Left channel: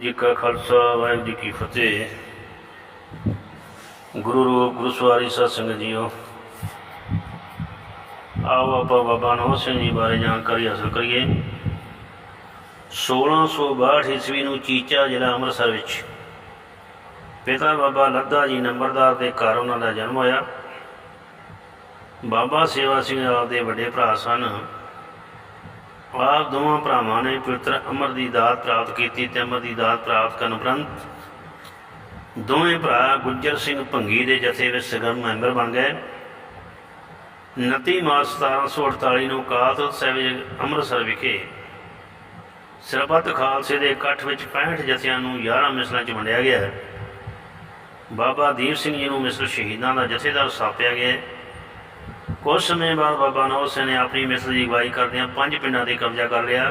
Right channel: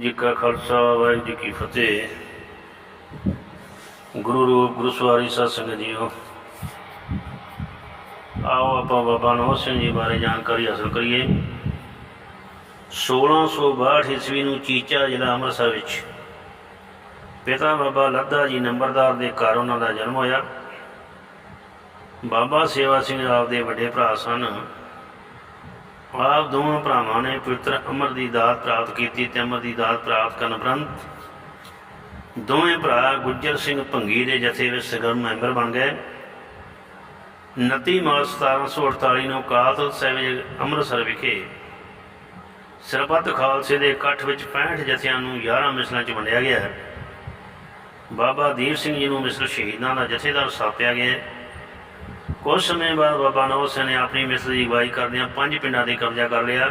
ਜੀ ਕਾ ਖਾਲਸਾ, ਵਾਹਿਗੁਰੂ ਜੀ ਕੀ ਫਤਿਹ। ਗੁਰੂ ਰੂਪ ਗੁਰੂ ਸਵਾਰੀ ਸਾਧ ਸੰਗਤ ਜੀਓ। ਆਓ ਆਪਾਂ ਬਾਬਾ ਨੌ ਸਿੰਘ ਜੀ ਬਾਰੇ ਜਾਣਕਾਰੀ ਹਾਸਲ ਕਰੀਏ। 1662 ਈਸਵੀ ਨੂੰ ਚੀਚਾ ਜ਼ਿਲ੍ਹਾ ਅੰਮ੍ਰਿਤਸਰ ਵਿੱਚ ਪਿਤਾ ਬਾਬਾ ਲੱਦਾ ਜੀ ਨੰਬਰਦਾਰ ਦੇ ਘਰ ਉਹਨਾਂ ਦਾ ਜਨਮ ਹੋਇਆ। ਬਾਬਾ ਸੇਵਾ ਸਿੰਘ ਆਪ ਦੇ ਵੱਡੇ ਭਰਾ ਸਨ। ਆਪ ਦੋਵਾਂ ਭਰਾਵਾਂ ਨੇ ਪਵਿੱਤਰ ਅਮਰ ਦੀ ਦਾਤ ਪ੍ਰਾਪਤ ਕੀਤੀ ਤੇ ਅਮਰ ਦੀ ਦਾਤ ਪ੍ਰਾਪਤ ਕਰਨ ਉਪਰੰਤ ਦੋਵੇਂ ਭਰਾ ਗੁੱਜਰ ਸਿੰਘ ਭੰਗੀ ਦੇ ਜਥੇ ਵਿੱਚ ਸਰਗਰਮ ਮੈਂਬਰ ਬਣ ਗਏ 29 ਮਾਰਚ 1748 ਨੂੰ ਅਕਾਲ ਤਖਤ ਸਾਹਿਬ ਅੰਮ੍ਰਿਤਸਰ ਵਿਖੇ ਸਰਬੱਤ ਖਾਲਸੇ ਦੇ ਇਕੱਠ ਵਿੱਚ 65 ਜਥਿਆਂ ਨੂੰ 11 ਮਿਸਲਾਂ 'ਚ ਵੰਡਿਆ ਗਿਆ ਹੈ। ਬਾਬਾ ਦੀਪ ਸਿੰਘ ਜੀ ਨੂੰ ਮਿਸਲ ਸ਼ਹੀਦਾਂ ਦਾ ਜਥੇਦਾਰ ਸਥਾਪਿਆ ਗਿਆ ਹੈ। ਕੁਝ ਸਮੇਂ ਬਾਅਦ ਬਾਬਾ ਨੌ ਸਿੰਘ ਨੇ ਆਪਣੀ ਮਿਸਲ ਦੀ ਅਗਵਾਈ ਕਰਦਿਆਂ ਪੰਜ ਪਿੰਡਾਂ ਤੇ ਕਬਜ਼ਾ ਕਰ ਲਿਆ।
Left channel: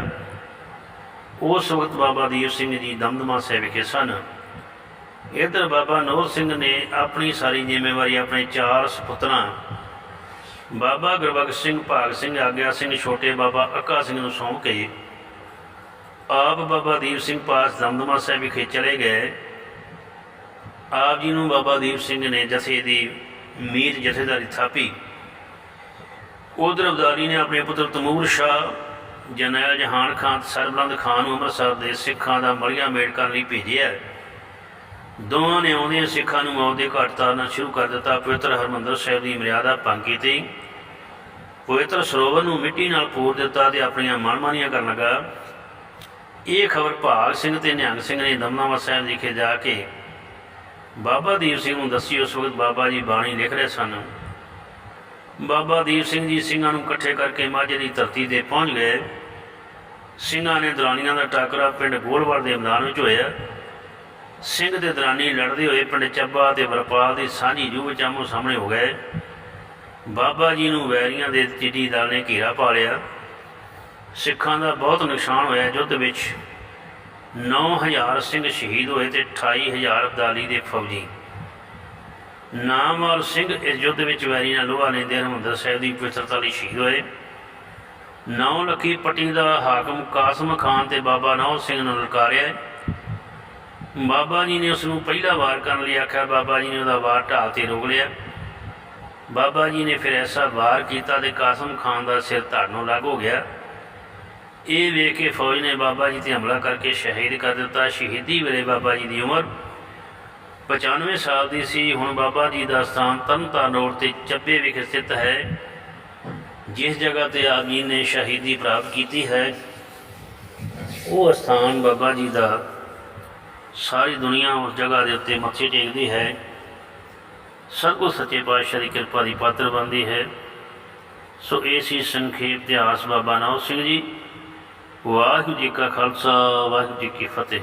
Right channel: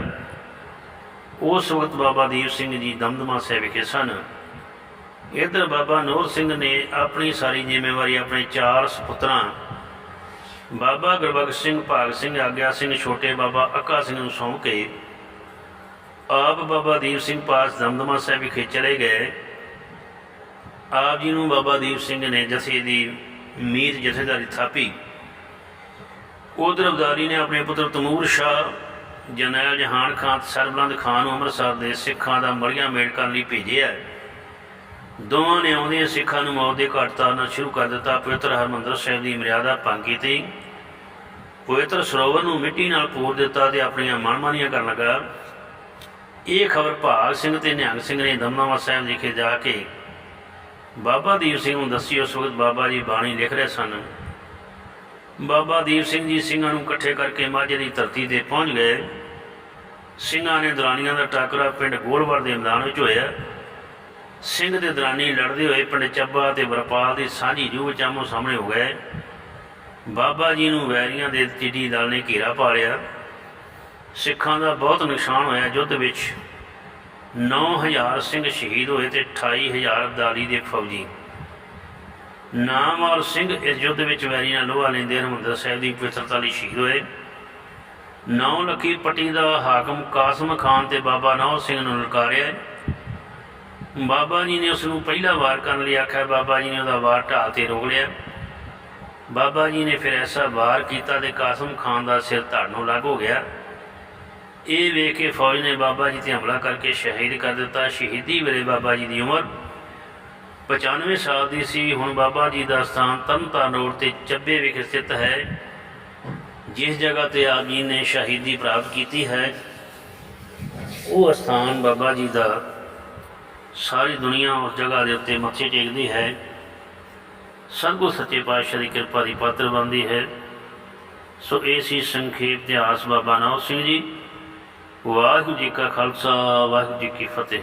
ਉਸ ਵਕਤ ਬਾਬਾ ਦੀਪ ਸਿੰਘ ਜੀ ਦਮਦਮਾ ਸਾਹਿਬ ਵਿਖੇ ਸਨ। ਇੱਧਰ ਬਾਬਾ ਨੂਰ ਸਿੰਘ ਨੇ ਆਪਣੀ ਸਾਰੀ ਜ਼ਿੰਮੇਵਾਰੀ ਆਪਣੇ ਚਾਰ ਸੁਪੁੱਤਰਾਂ, ਬਾਬਾ ਗੁਰਬਖਸ਼ ਸਿੰਘ, ਭਾਗ ਸਿੰਘ, ਆਗਿਆ ਸਿੰਘ, ਛੋਟੇ ਬਾਬਾ ਅੱਕਾ ਸਿੰਘ ਨੂੰ ਸੌਂਪ ਕੇ ਆਪ ਬਾਬਾ ਦੀਪ ਸਿੰਘ ਪਾਸ ਦਮਦਮਾ ਸਾਹਿਬ ਵਿਖੇ ਚਲੇ ਗਏ। ਆਪ ਜੀ ਨੂੰ ਬਾਬਾ ਦੀਪ ਸਿੰਘ ਨੇ ਜਥੇ ਦੀ ਮੀਤ ਜਥੇਦਾਰੀ ਥਾਪੀ। ਉਧਰ ਅਬਦਾਲੀ ਨੇ ਆਪਣੇ ਪੁੱਤਰ ਤਮੂਰ ਸ਼ਾਹ ਜਨੈਲ ਜਹਾਨ ਖਾਨ ਤੇ ਸਰਬਲੰਦ ਖਾਨ ਨੂੰ ਅੰਮ੍ਰਿਤਸਰ ਦੇ ਸਿੱਖਾਂ ਦਾ ਮਲੀਆਂ ਮੇੜ ਕਰਨ ਲਈ ਭੇਜਿਆ ਦੋਵਾਂ ਨੇ ਆਉਂਦਿਆਂ ਸਿੱਖਾਂ ਨੂੰ ਮੌਤ ਦੇ ਘਾਟ ਤਾਰਨਾ ਸ਼ੁਰੂ ਕਰ ਦਿੱਤਾ। ਪਵਿੱਤਰ ਹਰਮੰਦਰ ਸਾਹਿਬ ਦੀ ਮਰਿਆਦਾ ਭੰਗ ਕੀਤੀ। ਪਵਿੱਤਰ ਸਰੋਵਰ ਨੂੰ ਮਿੱਟੀ ਨਾਲ ਪੂਰ ਦਿੱਤਾ ਤੇ ਆਪਣੀਆਂ ਮਨਮਾਨੀਆਂ ਕਰਨ ਲੱਗਾ। ਇਹ ਖਬਰ ਭਾਗ ਸਿੰਘ ਤੇ ਨਿਹੰਗ ਸਿੰਘ ਨੇ ਦਮਦਮਾ ਸਾਹਿਬ ਵਿਖੇ ਜਾ ਕੇ ਬਾਬਾ ਦੀਪ ਸਿੰਘ ਨੂੰ ਦੱਸੀ। ਉਸ ਵਕਤ ਬਾਬਾ ਜੀ ਬਾਣੀ ਲਿਖ ਰਹੇ ਸਨ ਬਾਬਾ ਦੀਪ ਸਿੰਘ ਜੀ ਸਿੰਘਾਂ ਨੂੰ ਇਕੱਠੇ ਕਰਕੇ ਮਾਝੇ ਦੀ ਧਰਤੀ ਤੇ ਪਹੁੰਚ ਗਏ। ਸਿੰਘਾਂ ਨੇ ਦਰਾਨੀਆਂ ਦਾ ਟਾਕਰਾ ਪਿੰਡ ਗੋਲਵਰ ਦੇ ਮੈਦਾਨ ਵਿੱਚ ਹੋਇਆ। ਸਿੰਘ ਤੇ ਦਰਾਨੀ ਲੜਦੇ ਹੋਏ ਪਿੰਡ ਚੱਬਾ ਤੇ ਵਰਪਾਲ ਦੀ ਸਾਂਝੀ ਜੂਹ ਵਿੱਚ ਆਮੋ ਸਾਹਮਣੇ ਹੋ ਗਏ। ਬਾਬਾ ਜੀ ਨੂੰ ਵੈਰੀਆਂ ਦੇ ਚਿੱਟੀ ਦਲ ਨੇ ਘੇਰਾ ਪਾ ਲਿਆ। ਸਿੱਖਾਂ ਦਾ ਬਹੁਤ ਨੁਕਸਾਨ ਹੋਇਆ। ਯੁੱਧ ਵਿੱਚ 9000 ਸਿੰਘ ਸ਼ਹੀਦ ਹੋਏ ਤੇ 28000 ਅਬਦਾਲੀ ਦੇ ਫੌਜੀ ਨਾਮਵਰ ਸਿੰਘ ਇਸ ਯੁੱਧ ਵਿੱਚ ਵੈਰੀ ਨਾਲ ਲੋਹਾ ਲੈਂਦੇ ਹਰਮੰਦਰ ਸਾਹਿਬ ਦੀ ਪਵਿੱਤਰਤਾ ਲਈ ਸ਼ਹੀਦ ਹੋਏ। ਨੌ ਲੱਖੀ ਪੱਟੀ ਦਾ ਹਾਕਮ ਕਾਸਮ ਖਾਨ ਤੇ ਬਾਬਾ ਨੌ ਸਿੰਘ ਨੂੰ ਲਲਕਾਰਿਆ ਬਾਬਾ ਜੀ ਨੇ ਉਸ ਨੂੰ ਪਹਿਲਾ ਵਾਰ ਕਰਨ ਲਈ ਆਖਿਆ। ਬਾਬਾ ਜੀ ਨੇ ਉਹਦਾ ਵਾਰ ਢਾਲ ਤੇ ਰੋਕ ਲਿਆ। ਬਾਬਾ ਜੀ ਨੇ ਫਿਰ ਐਸਾ ਵਾਰ ਕੀਤਾ ਤੇ ਕਾਸਮ ਖਾਨ ਦਾ ਸਿਰ ਧੜ ਨੂੰ ਲੱਗ ਹੋ ਗਿਆ। ਇਹ ਵੇਖ ਕੇ ਫੌਜ ਨੇ ਬਾਬਾ ਜੀ ਤੇ ਹਮਲਾ ਕਰਕੇ ਸ਼ਹੀਦ ਕਰ ਦਿੱਤਾ। ਸ਼ਹੀਦੀ ਵੇਲੇ ਬਾਬਾ ਜੀ ਦੀ ਉਮਰ 95 ਸਾਲ ਦੀ ਸੀ, ਹੁਣ ਬਾਬਾ ਜੀ ਦਾ ਸਥਾਨ ਤਰਨਤਾਰਨ ਰੋਡ ਤੇ ਚੱਬੇ ਵਿਖੇ ਸਥਿਤ ਹੈ। ਜਿਸ ਜਗ੍ਹਾ ਤੇ ਆਪ ਜੀ ਨੇ ਸ਼ਹੀਦੀ ਪ੍ਰਾਪਤ ਕੀਤੀ ਹੈ, ਉਹ ਸਥਾਨ ਬਾਬਾ ਜੀ ਦਾ ਸਾਰੀ ਦੁਨੀਆ ਉਸ ਜਗ੍ਹਾ ਦੇ ਉੱਤੇ ਮੱਥੇ ਟੇਕਦੀ ਹੈ। ਸਤਿਗੁਰ ਸੱਚੇ ਪਾਤਸ਼ਾਹ ਦੀ ਕਿਰਪਾ ਦੀ ਪਾਤਰ ਬਣਦੀ ਹੈ। ਸੋ ਇਹ ਸੀ ਸੰਖੇਪ ਇਤਿਹਾਸ ਬਾਬਾ ਨੌ ਸਿੰਘ ਜੀ। ਵਾਹਿਗੁਰੂ ਜੀ ਕਾ ਖਾਲਸਾ, ਵਾਹਿਗੁਰੂ ਜੀ ਕੀ ਫਤਿਹ।